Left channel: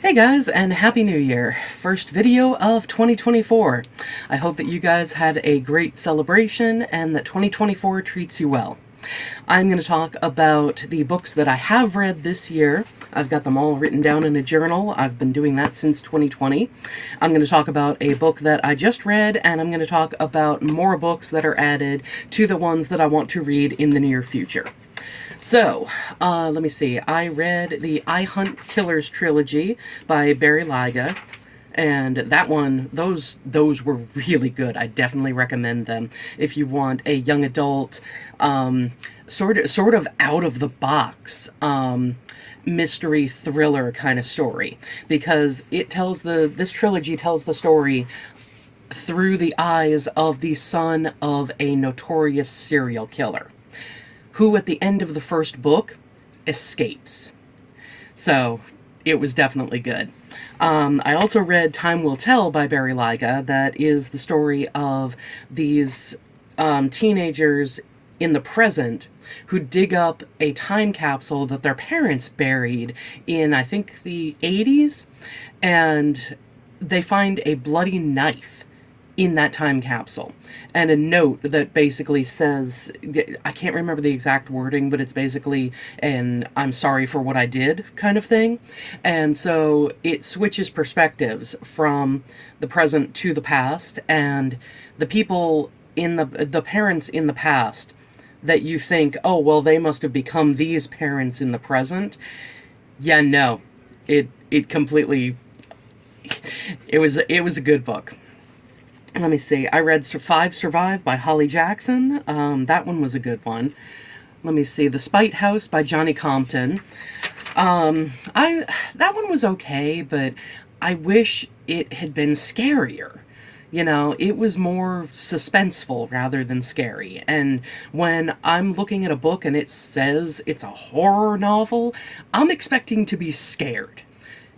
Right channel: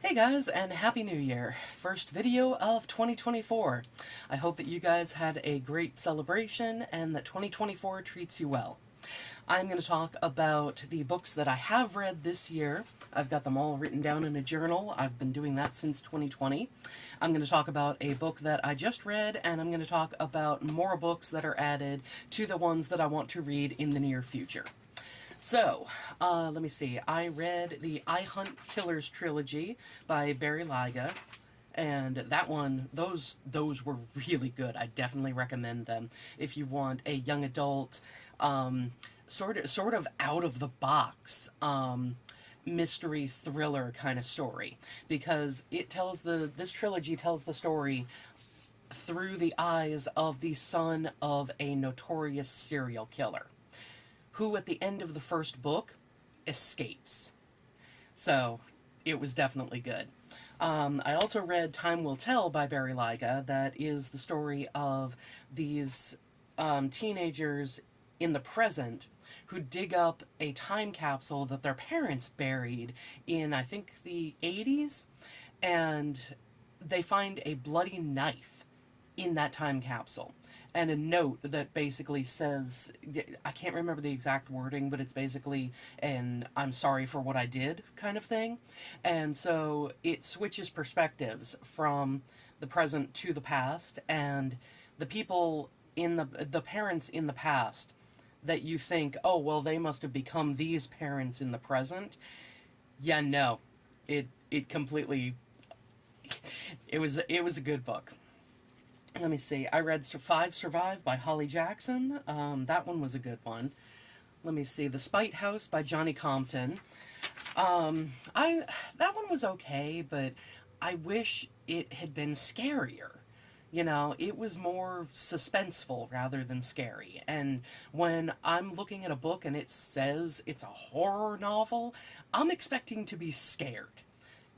Hey guys, and Happy New Year! First video of 2024. I hope that you guys had a great celebration and that 2024 treats you well. I'm going to talk about the books that I have read this year. I've got them all written down in a journal. I've been doing that since 2020. I'm going to talk about a book that I just read, and I'm going to talk about more books that are added to the ones that I want to read in the near future. So, let me see. I read the I Hunt Killers trilogy by Barry Lyga, and that one, those were really good. I definitely recommend them if you want a young adult, sort of out of the box mystery thriller kind of story, because this trilogy tells the story through the eyes of the son of a notorious serial killer who at the end of the first book escapes. So it was definitely good. I also read Time Will Tell by Barry Lyga. That is the story of these teenagers in the present who dig up a time capsule that their parents buried in, I think, the 80s, and they find a bloody knife in that time capsule and a note that basically says, I can't remember the exact wording, but it's basically an I'm sorry for what I did kind of thing. And so it switches perspectives from the present to the past, and the people in the parents in the past that you think, oh well, they must have become these parents in the present. Yeah, no. It completely it was a good book. Let me see. I read Five Survive by Holly Jackson. That one was a good one. Let me see. The Spite House by Johnny Compton. I that one was okay, but I wish it had been scarier. You know, it was more suspenseful rather than scary. And when I'm looking at a book and it says it's a horror novel, I'm expecting to be scared.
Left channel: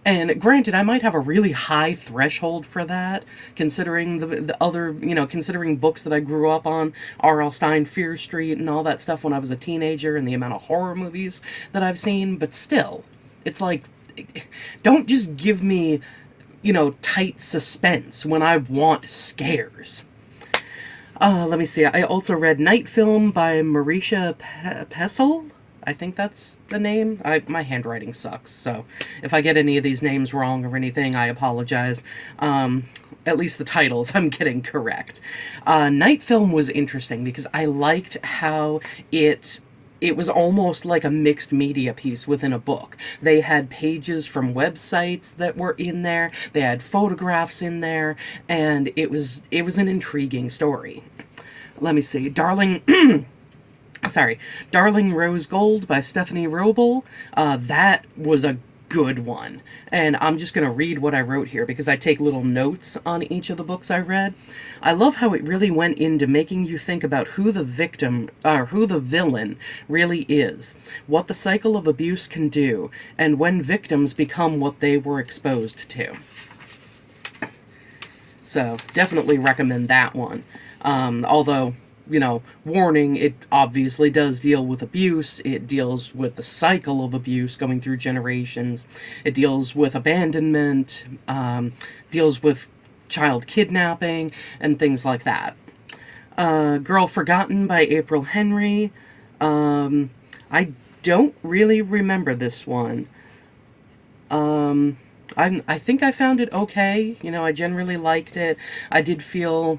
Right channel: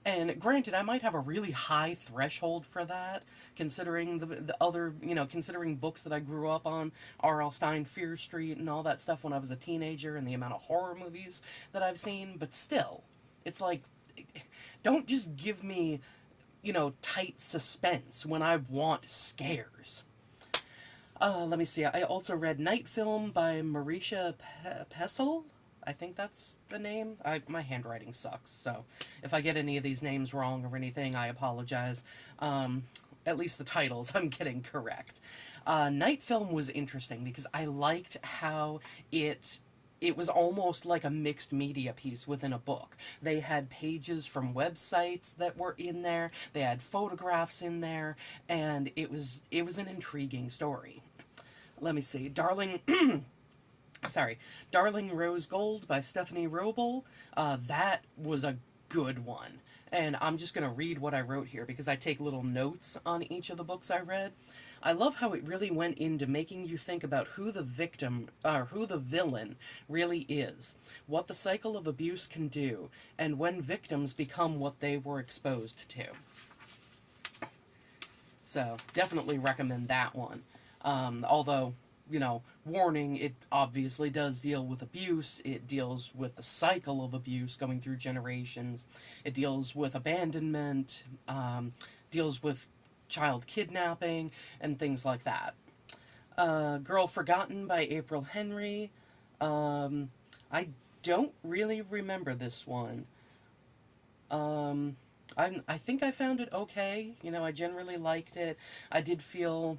And granted, I might have a really high threshold for that, considering the other, considering books that I grew up on, R.L. Stine, Fear Street, and all that stuff when I was a teenager, and the amount of horror movies that I've seen. But still, it's like, don't just give me, tight suspense when I want scares. Let me see. I also read Night Film by Marisha Pessel. I think that's the name. My handwriting sucks, so if I get any of these names wrong or anything, I apologize. At least the titles I'm getting correct. Night Film was interesting because I liked how it was almost like a mixed media piece within a book. They had pages from websites that were in there. They had photographs in there, and it was an intriguing story. Let me see. Darling Rose Gold by Stephanie Roble. That was a good one. And I'm just going to read what I wrote here because I take little notes on each of the books I read. I love how it really went into making you think about who the victim, or who the villain really is, what the cycle of abuse can do, and when victims become what they were exposed to. So definitely recommend that one. Although, warning, it obviously does deal with abuse. It deals with the cycle of abuse going through generations. It deals with abandonment, deals with child kidnapping, and things like that. Girl Forgotten by April Henry. I don't really remember this one. I think I found it okay. I generally liked it. I did feel,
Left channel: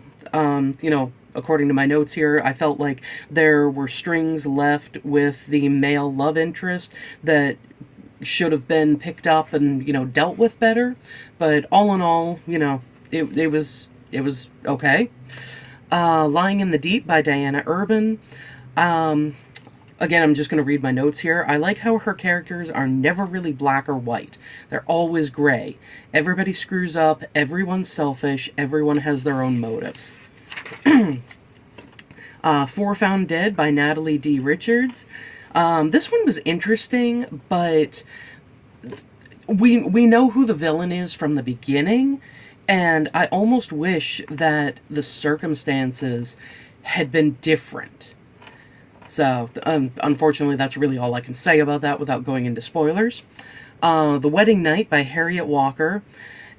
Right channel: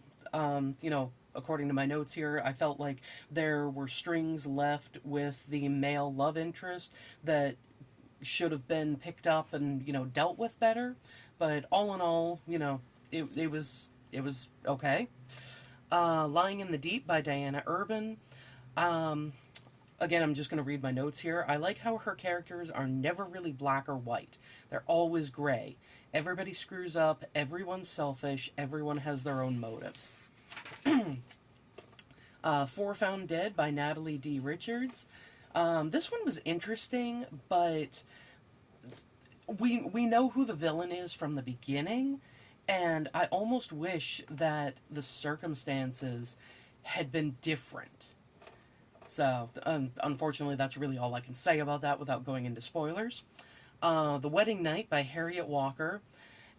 according to my notes here, I felt like there were strings left with the male love interest that should have been picked up and, dealt with better. But all in all, it was okay. Lying in the Deep by Diana Urban. Again, I'm just going to read my notes here. I like how her characters are never really black or white. They're always gray. Everybody screws up, everyone's selfish, everyone has their own motives. Four Found Dead by Natalie D. Richards. This one was interesting, but we know who the villain is from the beginning, and I almost wish that the circumstances had been different. So, unfortunately, that's really all I can say about that without going into spoilers. The Wedding Night by Harriet Walker.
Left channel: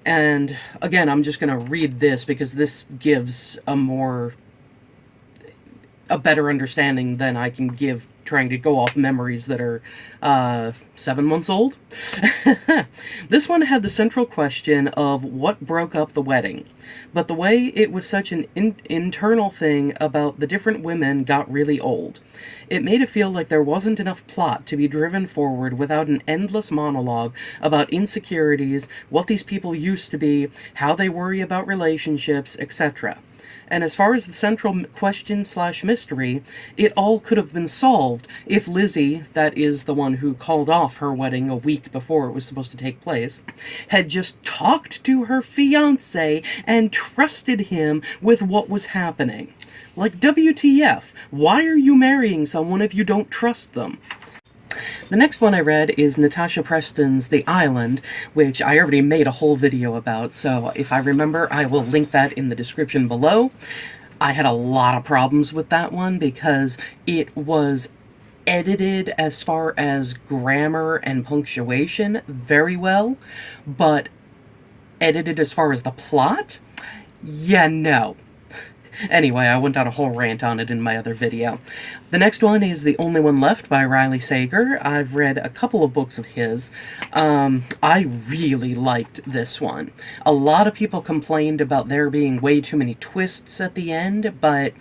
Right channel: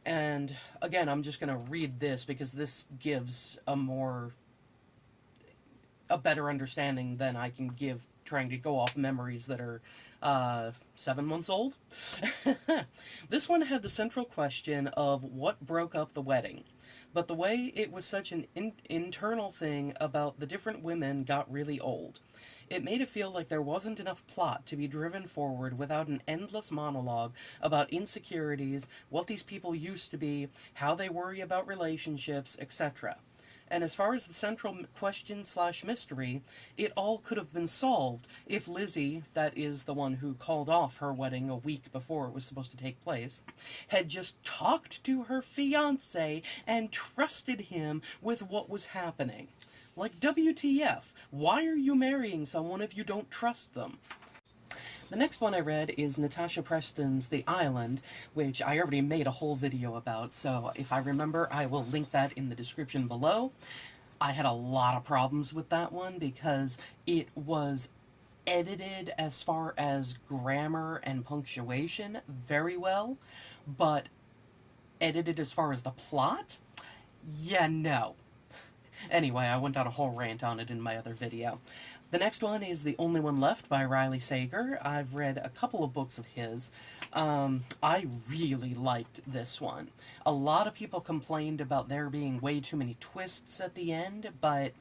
And again, I'm just going to read this because this gives a better understanding than I can give trying to go off memories that are 7 months old. This one had the central question of what broke up the wedding, but the way it was such an internal thing about the different women got really old. It made it feel like there wasn't enough plot to be driven forward without an endless monologue about insecurities, what these people used to be, how they worry about relationships, etc. And as far as the central question slash mystery, it all could have been solved if Lizzie, that is the one who called off her wedding a week before it was supposed to take place, had just talked to her fiance and trusted him with what was happening. Like, WTF, why are you marrying someone if you don't trust them? The next one I read is Natasha Preston's The Island, which I already made a whole video about, so if I remember, I will link that in the description below. I had a lot of problems with that one because it was edited as far as grammar and punctuation very well, but edited as far as the plot? Yeah, no. Anyway, I went on a whole rant on it in my other video. The next one is The Only One Left by Riley Sager. I've read a couple of books of his. I really liked this one. A lot of people complained about there being way too many twists at the end, but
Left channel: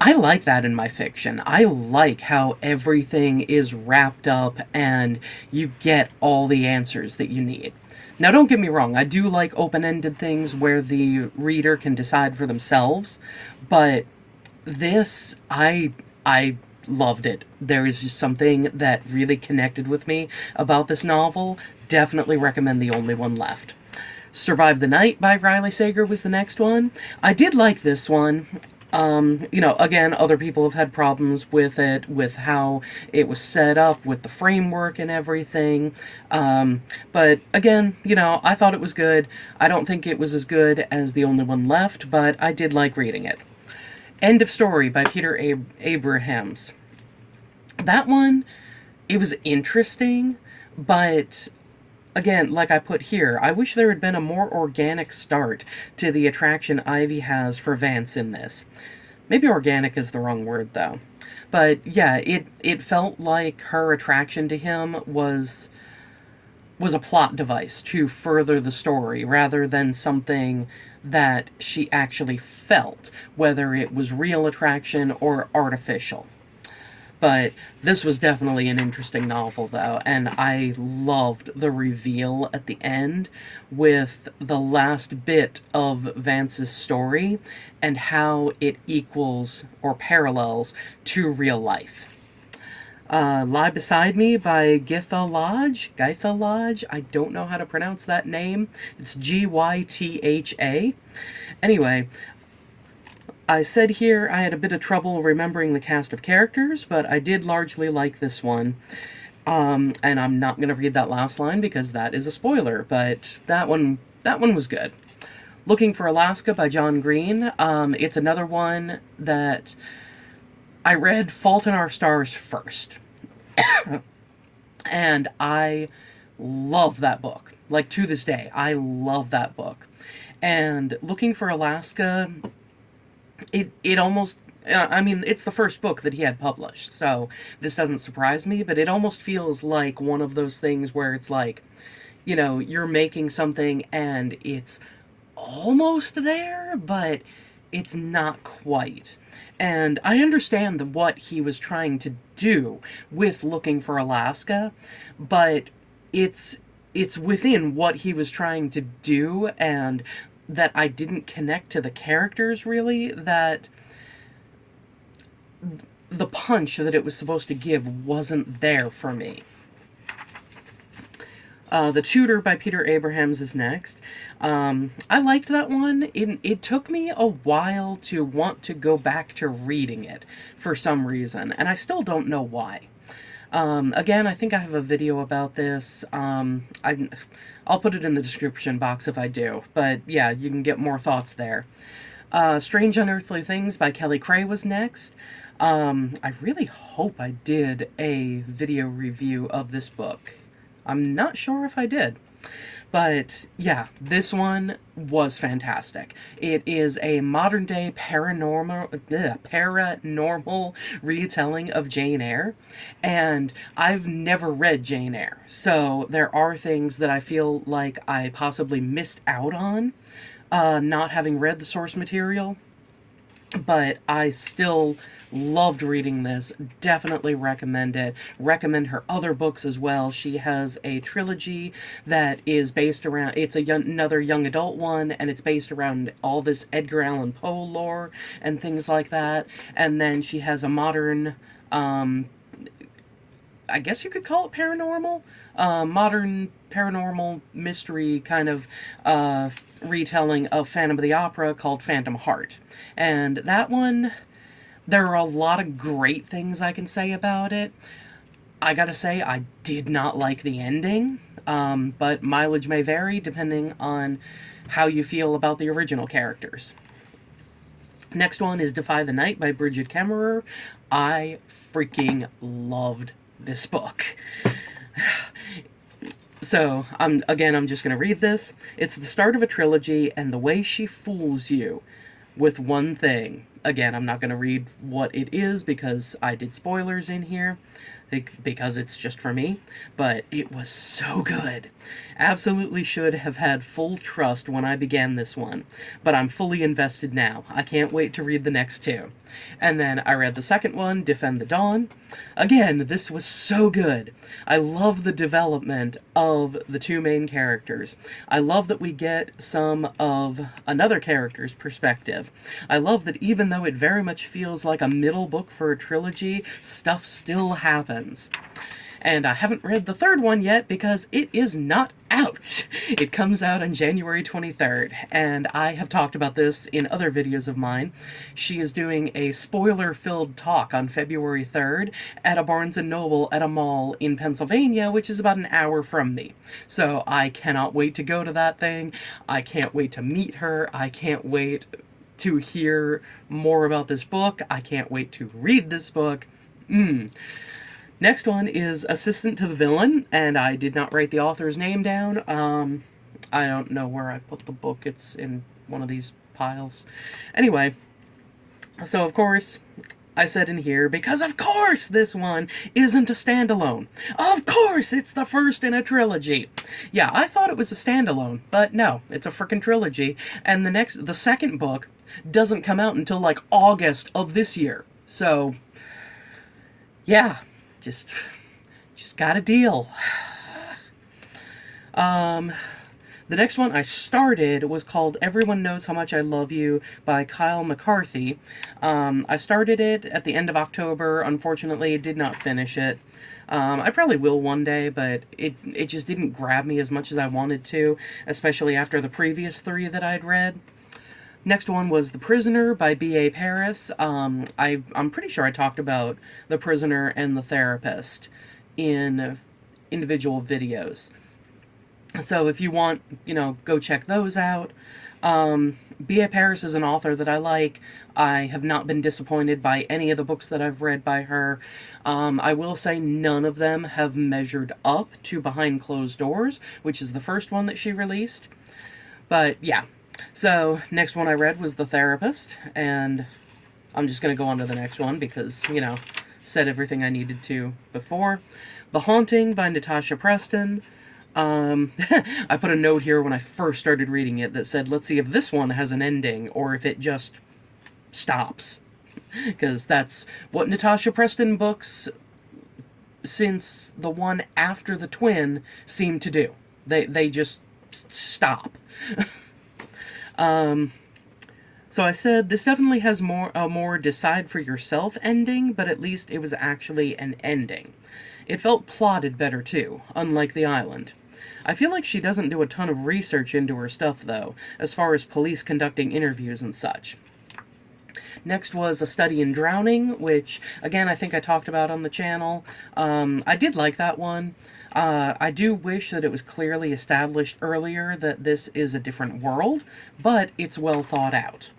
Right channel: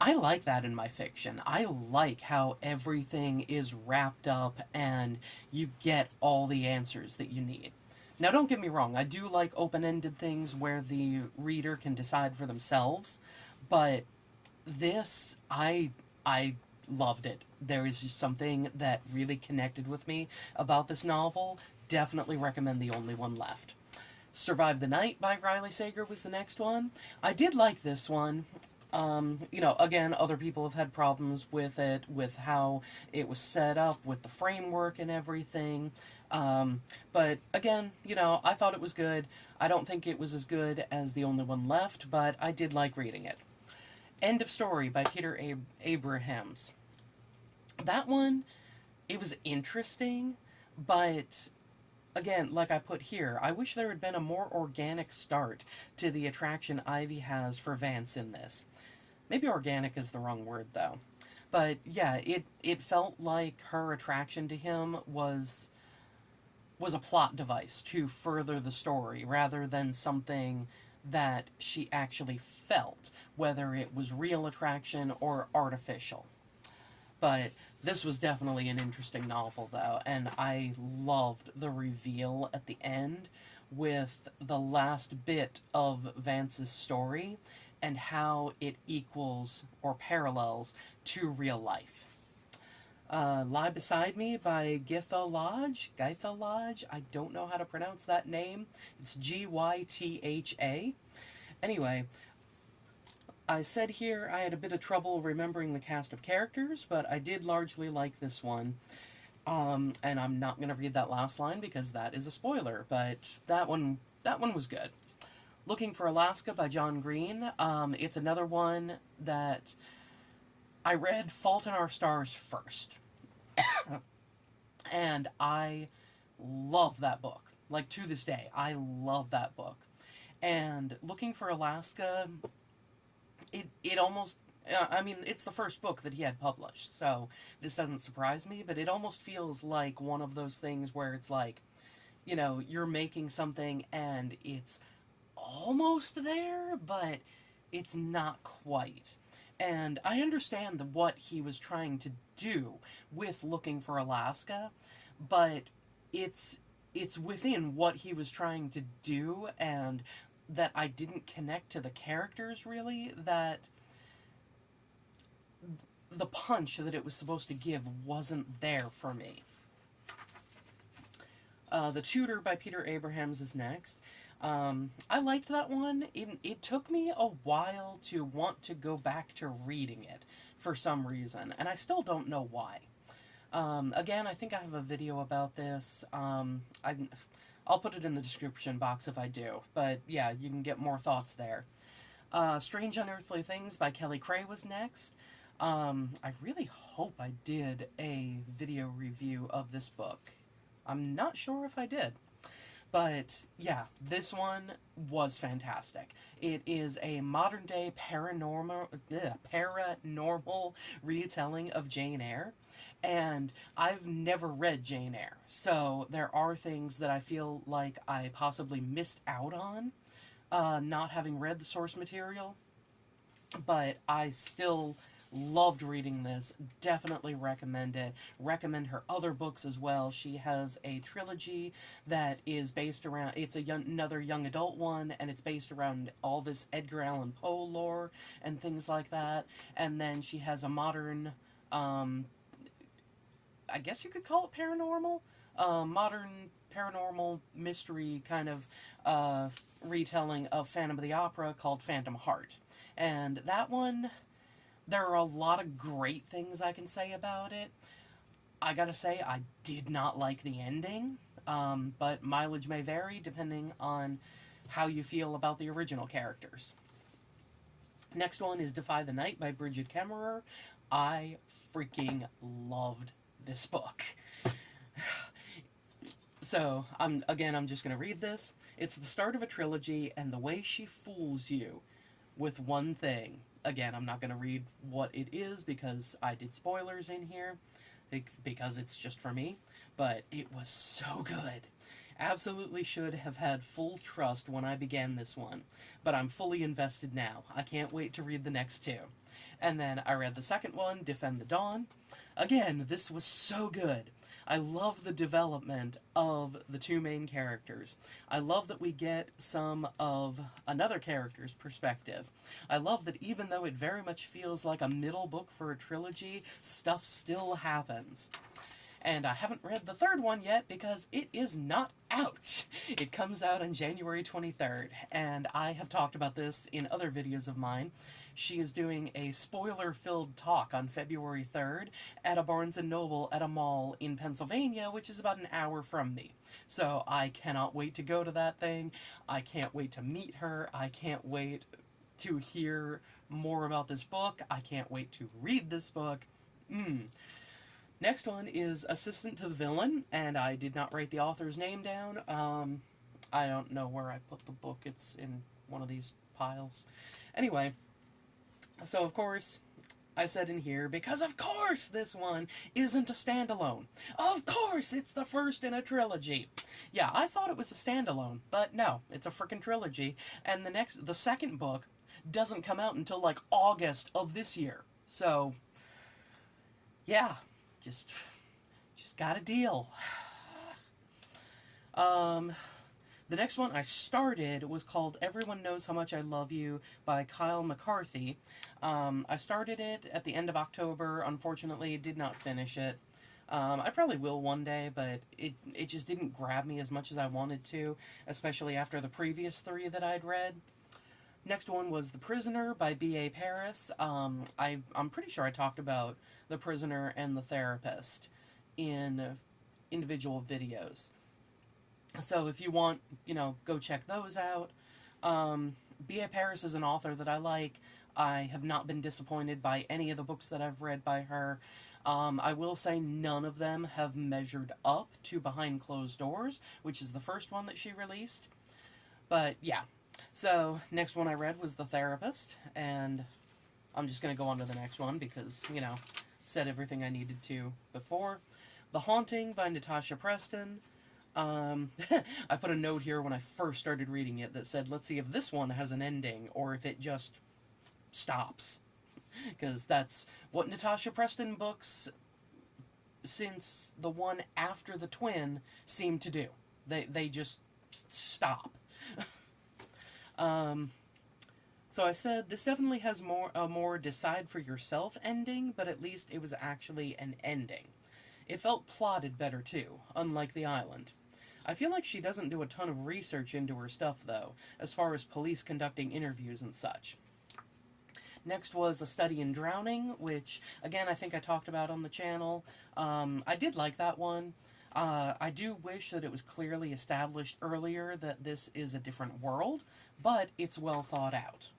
I like that in my fiction. I like how everything is wrapped up and you get all the answers that you need. Now, don't get me wrong, I do like open-ended things where the reader can decide for themselves, but this, I loved it. There is just something that really connected with me about this novel. Definitely recommend The Only One Left. Survive the Night by Riley Sager was the next one. I did like this one. Again, other people have had problems with it, with how it was set up, with the framework and everything. But again, I thought it was good. I don't think it was as good as The Only One Left, but I did like reading it. End of Story by Peter Abrahams. That one, it was interesting, but again, like I put here, I wish there had been a more organic start to the attraction Ivy has for Vance in this. Maybe organic is the wrong word, though. But yeah, it felt like her attraction to him was a plot device to further the story rather than something that she actually felt, whether it was real attraction or artificial. But this was definitely an interesting novel, though, and I loved the reveal at the end with the last bit of Vance's story and how it equals or parallels to real life. Lie Beside Me by Gytha Lodge. Gytha Lodge? I don't know how to pronounce that name. It's Gytha. Anyway, I said here I had a bit of trouble remembering the cast of characters, but I did largely like this one. And I'm not going to read that last line because that is a spoiler, but that one was good. Looking for Alaska by John Green. It's another one that I read Fault in Our Stars first. And I love that book. Like, to this day, I love that book. And Looking for Alaska, it almost, I mean, it's the first book that he had published, so this doesn't surprise me, but it almost feels like one of those things where it's like, you're making something and it's almost there, but it's not quite. And I understand what he was trying to do with Looking for Alaska, but it's within what he was trying to do, and that I didn't connect to the characters really, that the punch that it was supposed to give wasn't there for me. The Tutor by Peter Abrahams is next. I liked that one. It took me a while to want to go back to reading it for some reason, and I still don't know why. Again, I think I have a video about this. I'll put it in the description box if I do, but yeah, you can get more thoughts there. Strange Unearthly Things by Kelly Cray was next. I really hope I did a video review of this book. I'm not sure if I did. But yeah, this one was fantastic. It is a modern day paranormal retelling of Jane Eyre, and I've never read Jane Eyre, so there are things that I feel like I possibly missed out on, not having read the source material, but I still loved reading this. Definitely recommend it. Recommend her other books as well. She has a trilogy that is based around, it's another young adult one, and it's based around all this Edgar Allan Poe lore and things like that. And then she has a modern, I guess you could call it paranormal, modern paranormal mystery kind of retelling of Phantom of the Opera called Phantom Heart. And that one, there are a lot of great things I can say about it. I gotta say, I did not like the ending, but mileage may vary depending on how you feel about the original characters. Next one is Defy the Night by Brigid Kemmerer. I freaking loved this book. So, I'm just going to read this. It's the start of a trilogy, and the way she fools you with one thing. Again, I'm not going to read what it is because I did spoilers in here, because it's just for me, but it was so good. Absolutely should have had full trust when I began this one, but I'm fully invested now. I can't wait to read the next two. And then I read the second one, Defend the Dawn. Again, this was so good. I love the development of the two main characters. I love that we get some of another character's perspective. I love that even though it very much feels like a middle book for a trilogy, stuff still happens. And I haven't read the third one yet because it is not out. It comes out on January 23rd, and I have talked about this in other videos of mine. She is doing a spoiler-filled talk on February 3rd at a Barnes & Noble at a mall in Pennsylvania, which is about an hour from me. So I cannot wait to go to that thing. I can't wait to meet her. I can't wait to hear more about this book. I can't wait to read this book. Next one is Assistant to the Villain, and I did not write the author's name down. I don't know where I put the book. It's in one of these piles. Anyway, so of course, I said in here, because of course this one isn't a standalone. Of course it's the first in a trilogy. Yeah, I thought it was a standalone, but no, it's a frickin' trilogy, and the second book doesn't come out until like August of this year. So, yeah. Just got a deal. The next one I started was called Everyone Knows How Much I Love You by Kyle McCarthy. I started it at the end of October. Unfortunately, did not finish it. I probably will one day, but it just didn't grab me as much as I wanted to, especially after the previous three that I'd read. Next one was The Prisoner by B.A. Paris. I'm pretty sure I talked about The Prisoner and The Therapist in individual videos. So if you want, go check those out. B.A. Paris is an author that I like. I have not been disappointed by any of the books that I've read by her. I will say none of them have measured up to Behind Closed Doors, which is the first one that she released. But yeah. So, next one I read was The Therapist, and I'm just going to go on to the next one because, said everything I needed to before. The Haunting by Natasha Preston. I put a note here when I first started reading it that said, let's see if this one has an ending or if it just stops. Because that's what Natasha Preston books, since the one after the twin, seem to do. They just stop. So I said this definitely has a more decide for yourself ending, but at least it was actually an ending. It felt plotted better too, unlike The Island. I feel like she doesn't do a ton of research into her stuff though, as far as police conducting interviews and such. Next was A Study in Drowning, which, again, I think I talked about on the channel. I did like that one. I do wish that it was clearly established earlier that this is a different world, but it's well thought out.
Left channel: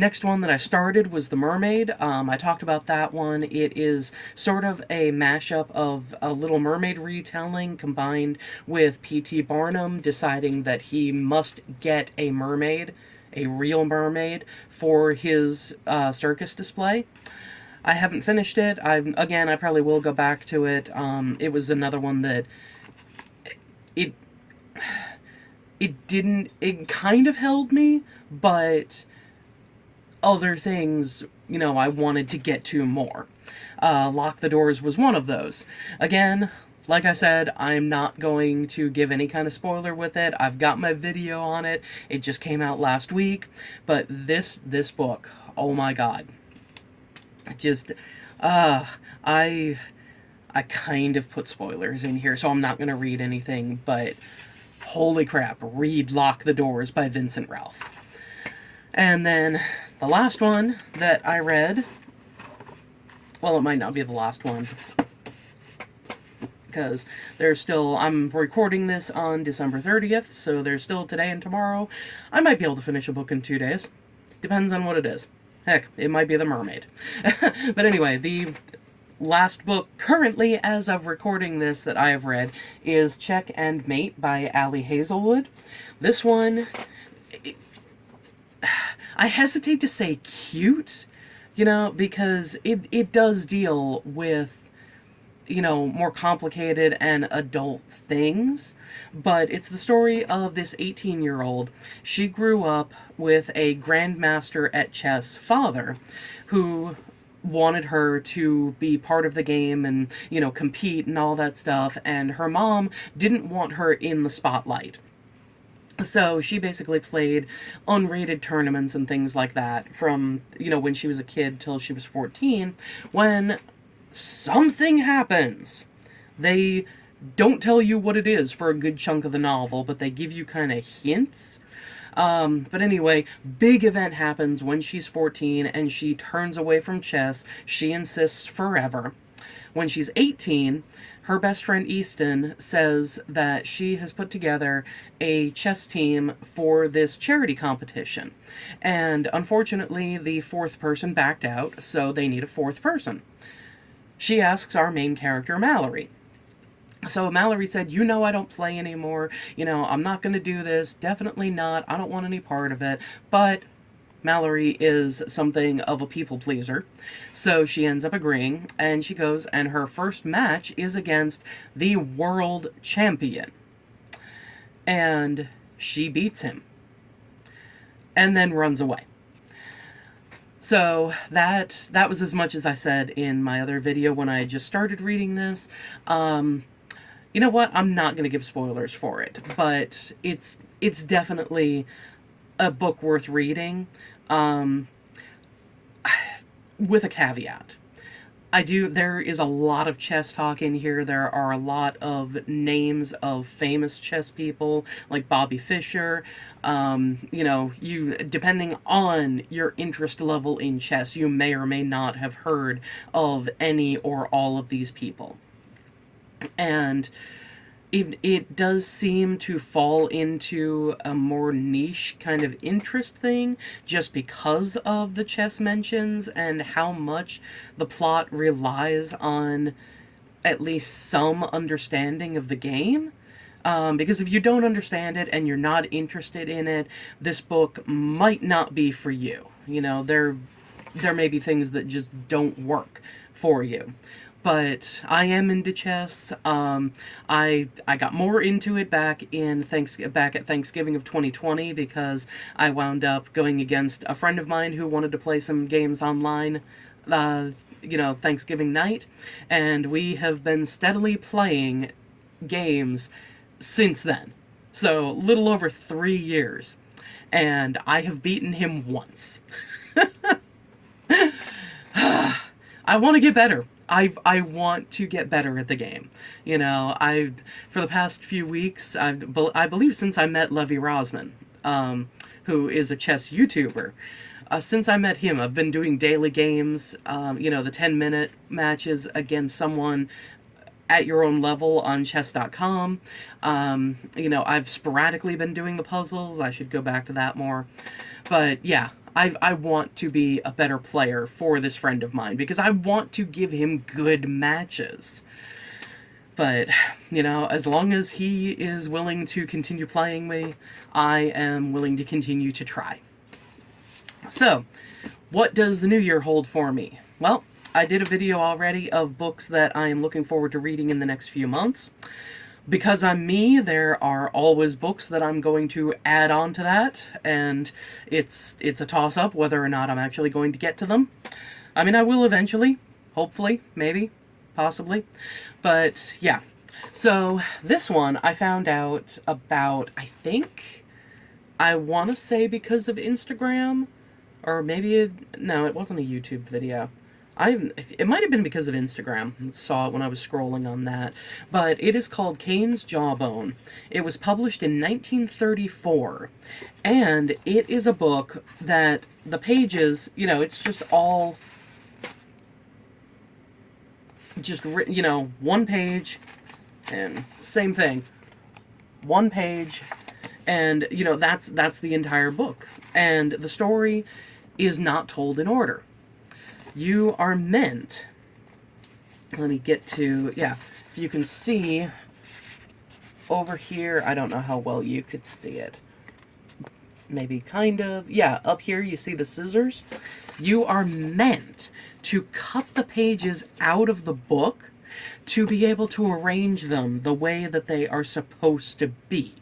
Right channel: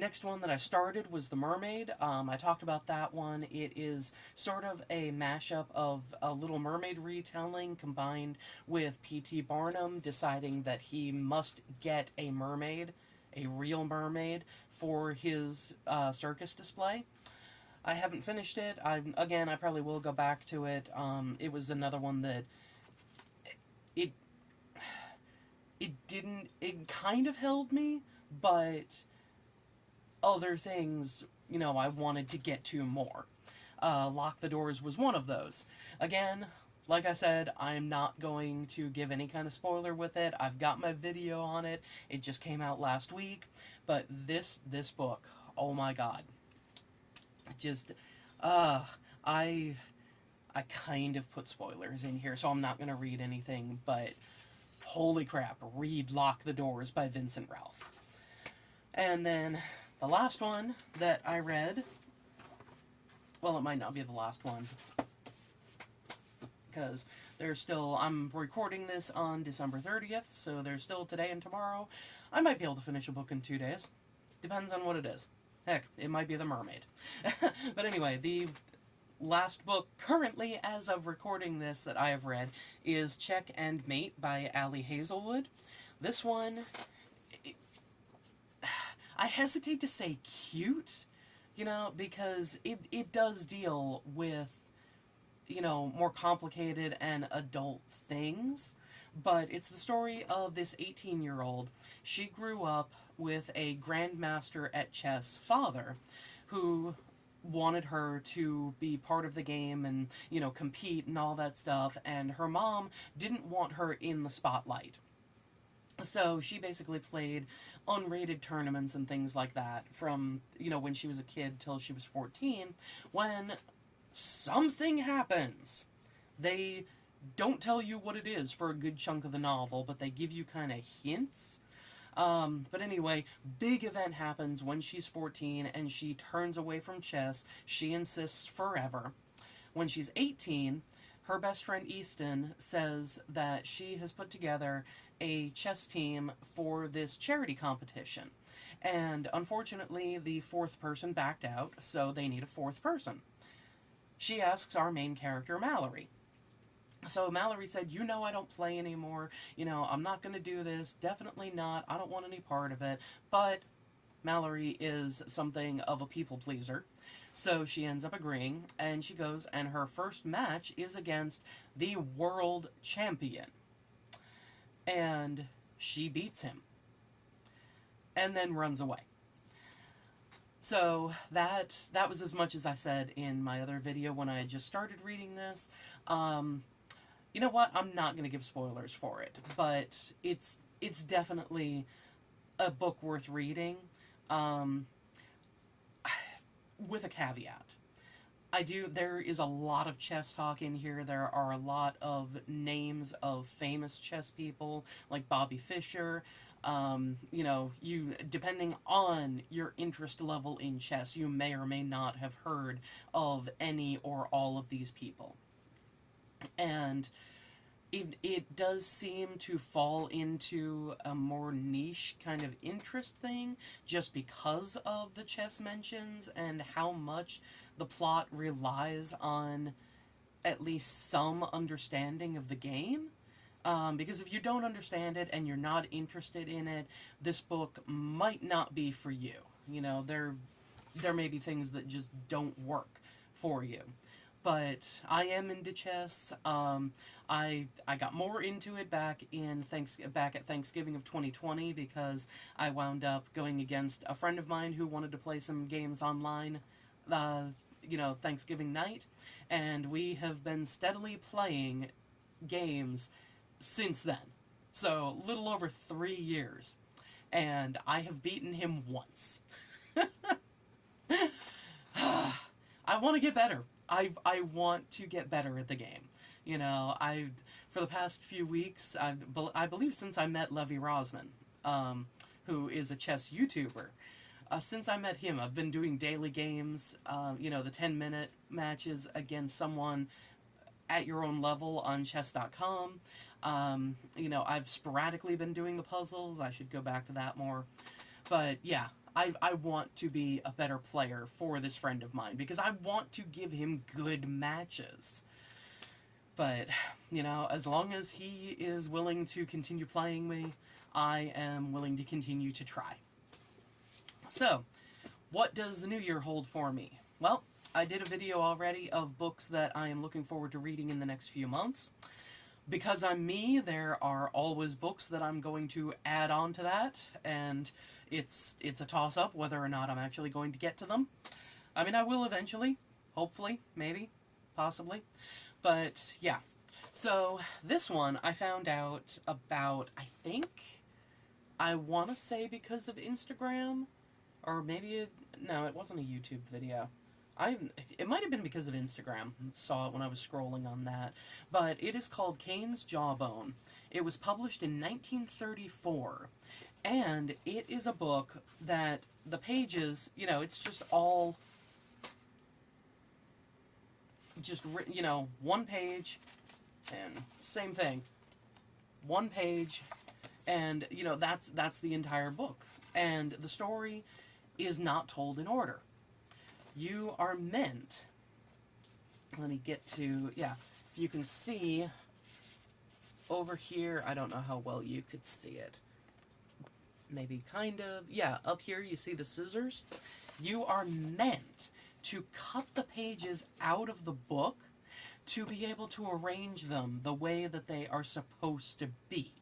Next one that I started was The Mermaid. I talked about that one. It is sort of a mashup of a Little Mermaid retelling combined with P.T. Barnum deciding that he must get a mermaid, a real mermaid, for his circus display. I haven't finished it. I probably will go back to it. It was another one that it it kind of held me, but other things, I wanted to get to more. Lock the Doors was one of those. Again, like I said, I'm not going to give any kind of spoiler with it. I've got my video on it. It just came out last week. But this book, oh my god. Just, I kind of put spoilers in here, so I'm not going to read anything, but holy crap, read Lock the Doors by Vincent Ralph. And then the last one that I read, well, it might not be the last one, because I'm recording this on December 30th, so there's still today and tomorrow. I might be able to finish a book in 2 days. Depends on what it is. Heck, it might be The Mermaid. But anyway, the last book currently, as of recording this, that I have read is Check and Mate by Ali Hazelwood. This one, I hesitate to say cute, because it does deal with, more complicated and adult things. But it's the story of this 18-year-old. She grew up with a grandmaster at chess father who wanted her to be part of the game and, compete and all that stuff. And her mom didn't want her in the spotlight. So she basically played unrated tournaments and things like that from, when she was a kid till she was 14, when something happens. They don't tell you what it is for a good chunk of the novel, but they give you kind of hints. But anyway, big event happens when she's 14 and she turns away from chess. She insists forever. When she's 18, her best friend Easton says that she has put together a chess team for this charity competition. And unfortunately, the fourth person backed out, so they need a fourth person. She asks our main character, Mallory. So Mallory said, I don't play anymore. I'm not going to do this. Definitely not. I don't want any part of it. But Mallory is something of a people pleaser. So she ends up agreeing, and she goes, and her first match is against the world champion. And she beats him. And then runs away. So that was as much as I said in my other video when I just started reading this. You know what? I'm not going to give spoilers for it, but it's definitely a book worth reading, with a caveat. There is a lot of chess talk in here. There are a lot of names of famous chess people, like Bobby Fischer. Depending on your interest level in chess, you may or may not have heard of any or all of these people. And it does seem to fall into a more niche kind of interest thing just because of the chess mentions and how much the plot relies on at least some understanding of the game. Because if you don't understand it and you're not interested in it, this book might not be for you. There may be things that just don't work for you. But I am into chess. I got more into it back at Thanksgiving of 2020 because I wound up going against a friend of mine who wanted to play some games online, Thanksgiving night, and we have been steadily playing games since then. So, little over 3 years. And I have beaten him once. I want to get better. I want to get better at the game. For the past few weeks, I believe since I met Levi Rosman, who is a chess YouTuber, since I met him, I've been doing daily games, the 10-minute matches against someone at your own level on chess.com. I've sporadically been doing the puzzles. I should go back to that more. But yeah, I want to be a better player for this friend of mine because I want to give him good matches. But, as long as he is willing to continue playing me, I am willing to continue to try. So, what does the new year hold for me? Well, I did a video already of books that I am looking forward to reading in the next few months. Because I'm me, there are always books that I'm going to add on to that, and it's a toss-up whether or not I'm actually going to get to them. I mean, I will eventually, hopefully, maybe, possibly, but yeah. So this one I found out about, I want to say because of Instagram, or maybe, no, it wasn't a YouTube video. It might have been because of Instagram. I saw it when I was scrolling on that. But it is called Cain's Jawbone. It was published in 1934. And it is a book that the pages, it's just all just, one page and same thing. One page and, that's the entire book. And the story is not told in order. You are meant, let me get to, if you can see over here, I don't know how well you could see it. Maybe kind of, up here you see the scissors. You are meant to cut the pages out of the book to be able to arrange them the way that they are supposed to be.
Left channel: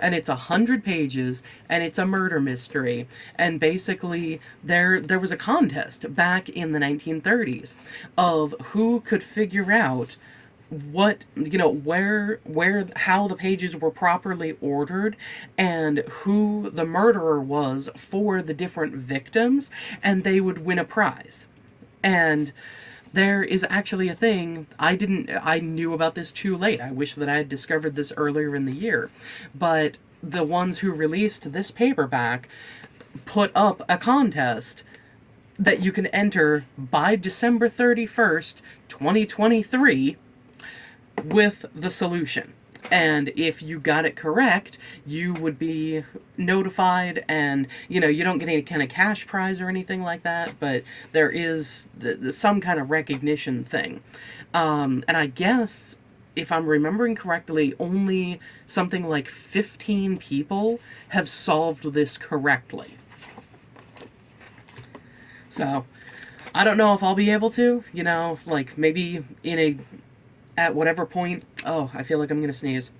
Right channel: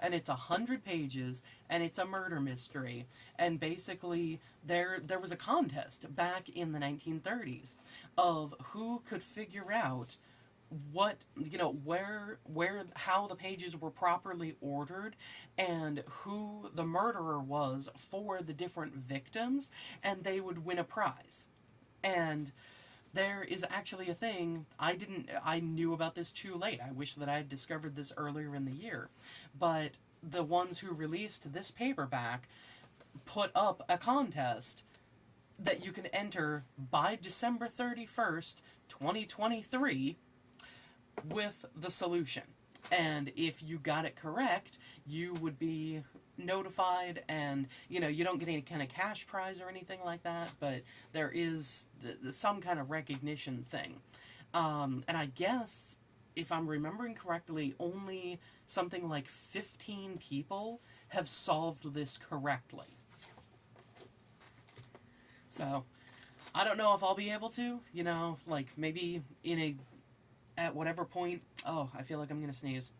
And it's 100 pages, and it's a murder mystery. And basically, there was a contest back in the 1930s of who could figure out what, how the pages were properly ordered and who the murderer was for the different victims, and they would win a prize. And there is actually a thing, I knew about this too late. I wish that I had discovered this earlier in the year. But the ones who released this paperback put up a contest that you can enter by December 31st, 2023 with the solution. And if you got it correct, you would be notified, and you don't get any kind of cash prize or anything like that, but there is some kind of recognition thing. And I guess, if I'm remembering correctly, only something like 15 people have solved this correctly. So, I don't know if I'll be able to, maybe at whatever point. Oh, I feel like I'm gonna sneeze.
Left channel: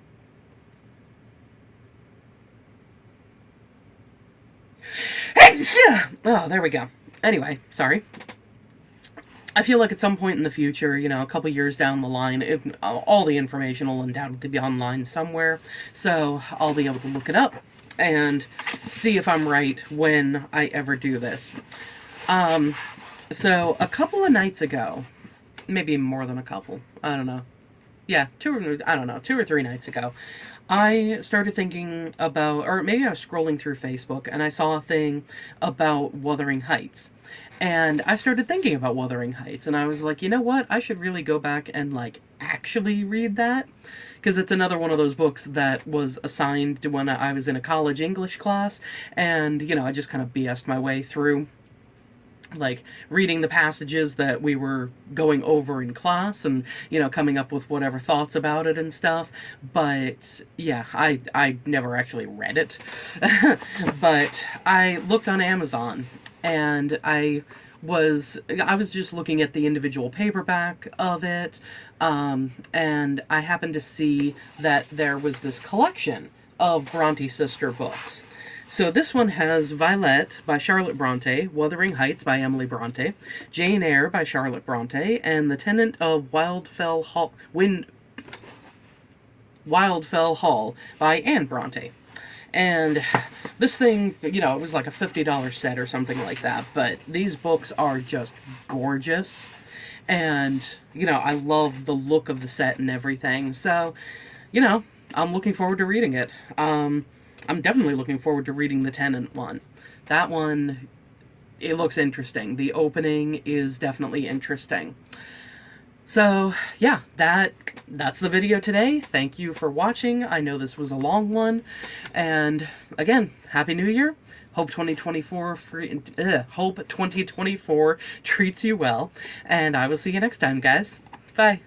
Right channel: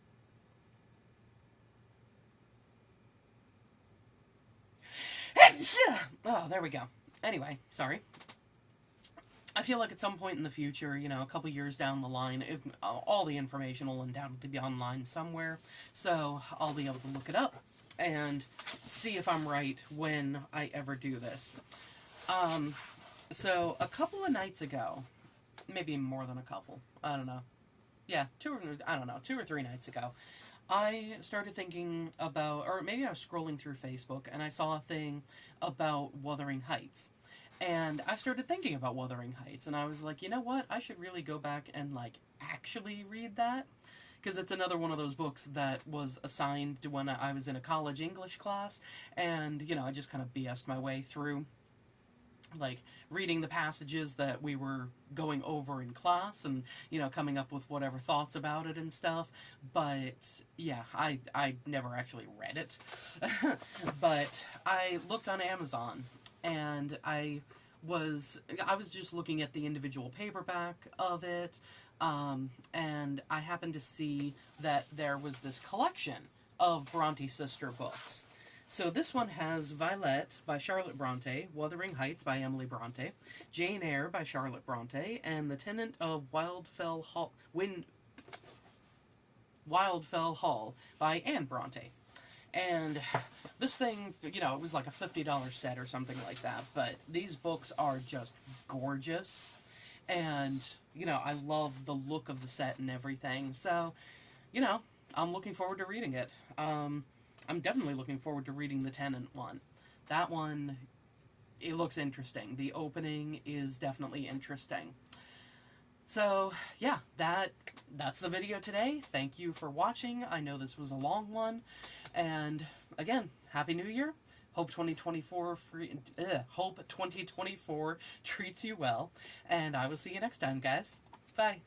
Oh, there we go. Anyway, sorry. I feel like at some point in the future, a couple years down the line, all the information will undoubtedly be online somewhere, so I'll be able to look it up and see if I'm right when I ever do this. So a couple of nights ago, maybe more than a couple, I don't know. Yeah, 2 or 3 nights ago, I started thinking about, or maybe I was scrolling through Facebook and I saw a thing about Wuthering Heights. And I started thinking about Wuthering Heights, and I was like, you know what? I should really go back and, actually read that. Because it's another one of those books that was assigned to when I was in a college English class, and, I just kind of BS'd my way through reading the passages that we were going over in class and, coming up with whatever thoughts about it and stuff. But, yeah, I never actually read it. But I looked on Amazon, and I was just looking at the individual paperback of it, and I happened to see that there was this collection of Bronte sister books. So this one has Violet by Charlotte Bronte, Wuthering Heights by Emily Bronte, Jane Eyre by Charlotte Bronte, and The Tenant of Wildfell Hall by Anne Bronte. And this thing, it was like a $50 set or something like that, but these books are just gorgeous. And, I love the look of the set and everything. So, I'm looking forward to reading it. I'm definitely looking forward to reading the Tenant one. That one, it looks interesting. The opening is definitely interesting. So, yeah, that's the video today. Thank you for watching. I know this was a long one. And, again, Happy New Year. Hope 2024 hope 2024 treats you well, and I will see you next time, guys. Bye.